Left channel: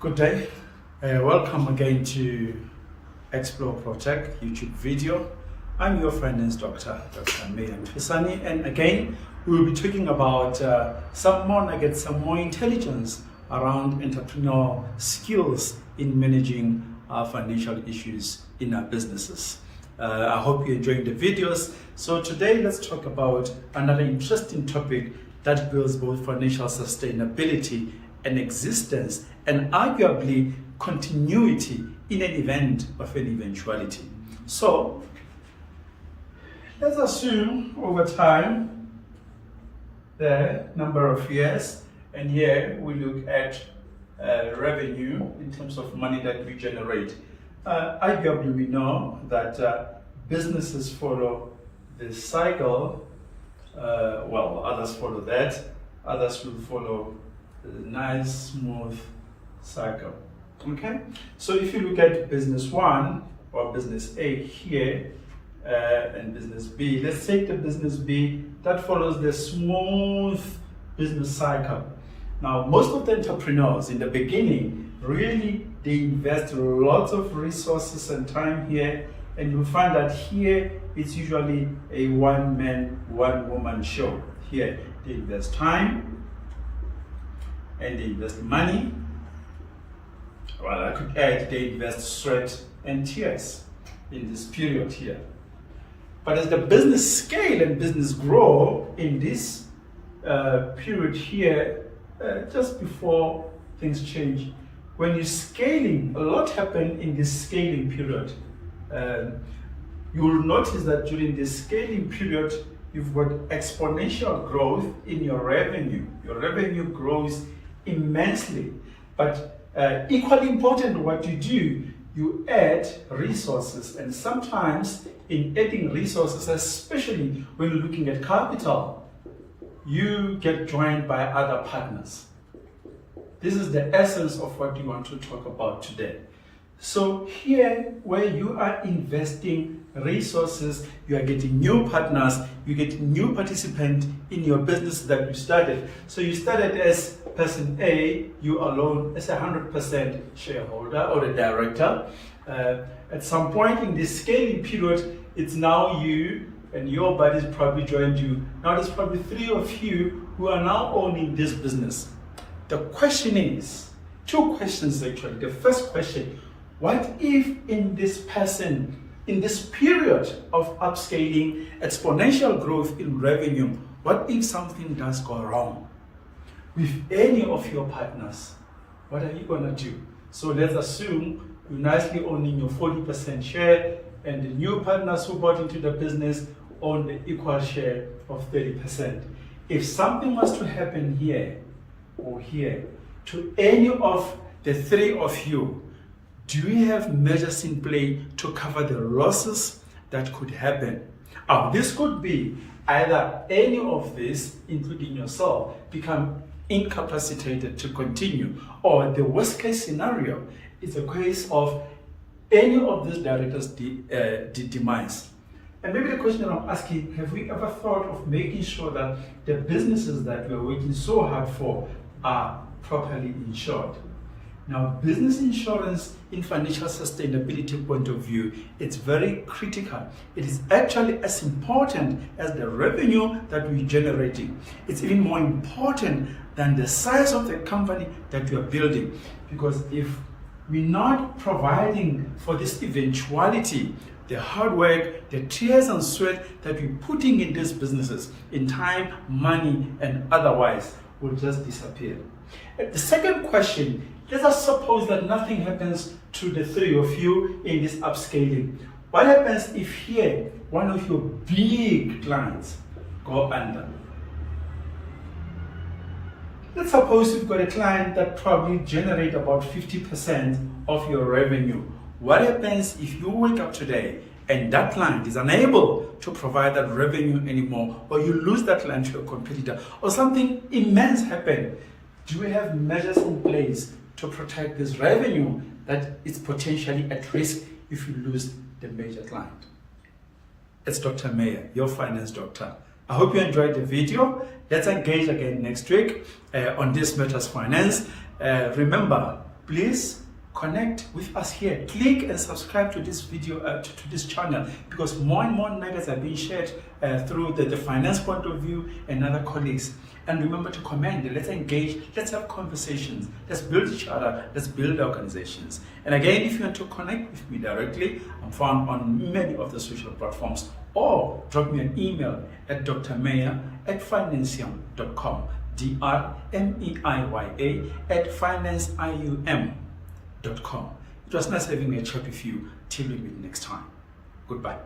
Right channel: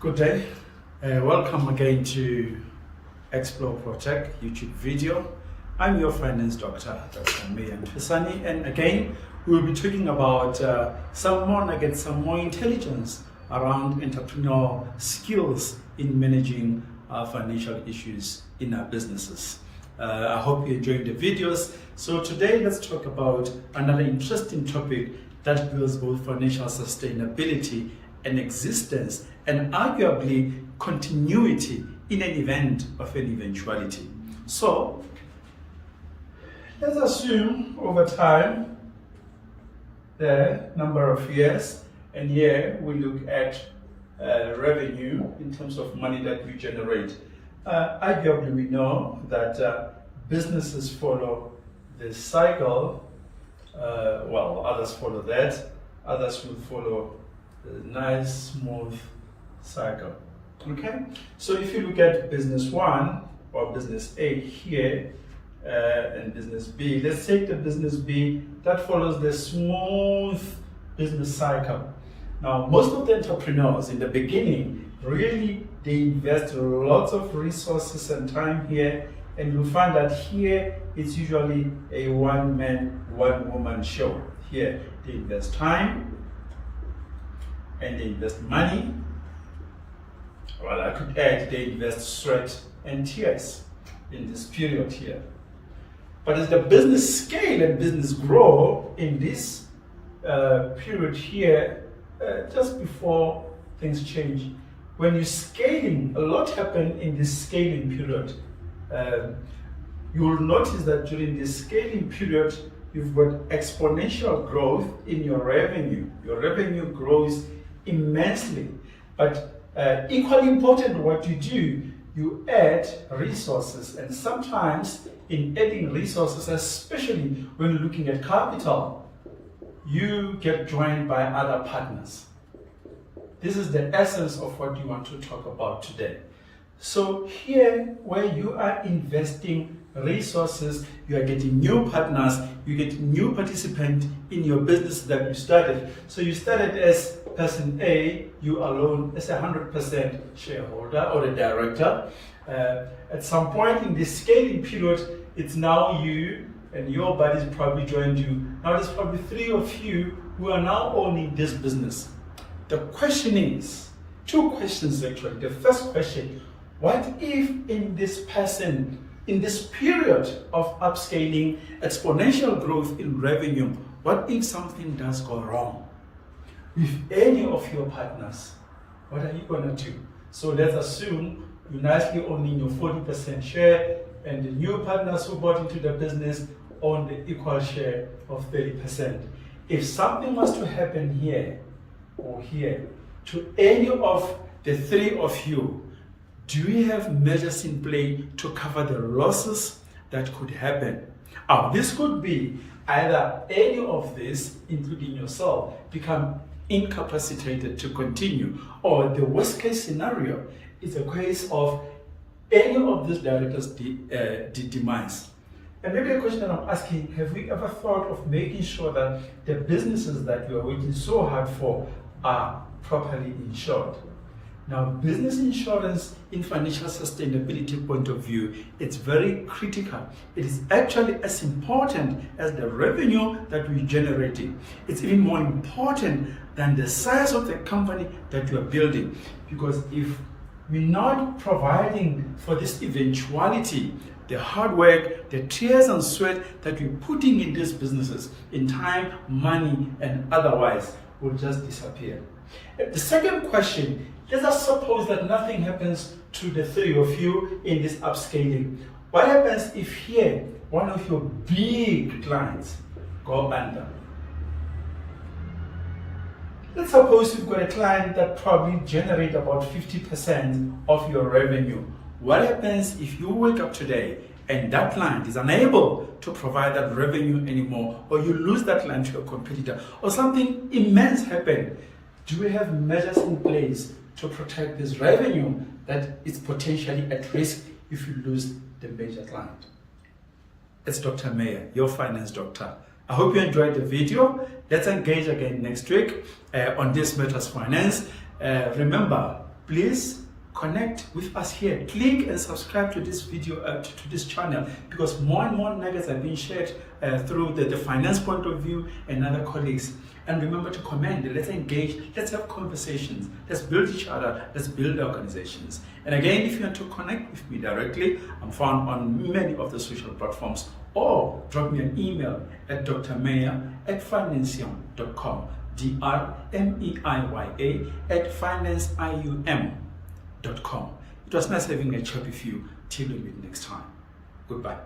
Good day. Welcome again to Explore Project YouTube video. I'm your finance doctor, Dr. Meiya, and again, we'll be talking about some more nuggets, some more intelligence around entrepreneurial skills in managing financial issues in our businesses. I hope you're enjoying the videos. So today, let's talk about another interesting topic that builds both financial sustainability and existence, and arguably continuity in an event of an eventuality. So let's assume over time the number of years, and here we look at revenue in terms of money that we generate. Arguably we know that businesses follow the cycle. Well, others follow that, others will follow a nice smooth cycle. Okay, so if you look at business 1 or business A here and business B, let's take the business B that follows the smooth business cycle. Now, most of the entrepreneurs in the beginning really they invest lots of resources and time here, and you'll find that here it's usually a one-man, one-woman show. Here they invest time and they invest money. Well, I could add they invest sweat and tears in this period here. But as the business scale and business grow in this period here, just before things change, when you're scaling, a lot happen in this scaling period. You will notice that during this scaling period, you've got exponential growth in your revenue. Your revenue grows immensely, but equally important what you do, you add resources, and sometimes in adding resources, especially when you're looking at capital, you get joined by other partners. This is the essence of what you want to talk about today. So here, where you are investing resources, you are getting new partners, you get new participants in your business that you started. So you started as person A, you alone as 100% shareholder or a director. At some point in this scaling period, it's now you and your buddies probably joined you. Now there's probably 3 of you who are now owning this business. The question is, 2 questions actually. The first question, what if in this period of upscaling, exponential growth in revenue, what if something does go wrong with any of your partners? What are you going to do? So let's assume you're nicely owning your 40% share and the new partners who bought into the business own the equal share of 30%. If something was to happen here or here to any of the 3 of you, do we have measures in play to cover the losses that could happen? This could be either any of this, including yourself, become incapacitated to continue, or the worst case scenario is a case of any of these directors' demise. And maybe the question I'm asking, have we ever thought of making sure that the businesses that we are working so hard for are properly insured? Now, business insurance in financial sustainability point of view, it's very critical. It is actually as important as the revenue that we're generating. It's even more important than the size of the company that you are building. Because if we're not providing for this eventuality, the hard work, the tears and sweat that we're putting in these businesses, in time, money, and otherwise, will just disappear. The second question, let us suppose that nothing happens to the 3 of you in this upscaling. What happens if here, one of your big clients go under? Let's suppose you've got a client that probably generates about 50% of your revenue. What happens if you wake up today and that client is unable to provide that revenue anymore, or you lose that client to a competitor, or something immense happens? Do we have measures in place to protect this revenue that is potentially at risk if you lose the major client? It's Dr. Meiya, your finance doctor. I hope you enjoyed the video. Let's engage again next week on This Matters Finance. Remember, please connect with us here. Click and subscribe to this video, to this channel, because more and more nuggets are being shared through the finance point of view and other colleagues. And remember to comment, let's engage, let's have conversations, let's build each other, let's build organizations. And again, if you want to connect with me directly, I'm found on many of the social platforms, or drop me an email at drmeiya@financium.com, drmeiya@financeium.com. It was nice having a chat with you. Till we meet next time. Goodbye.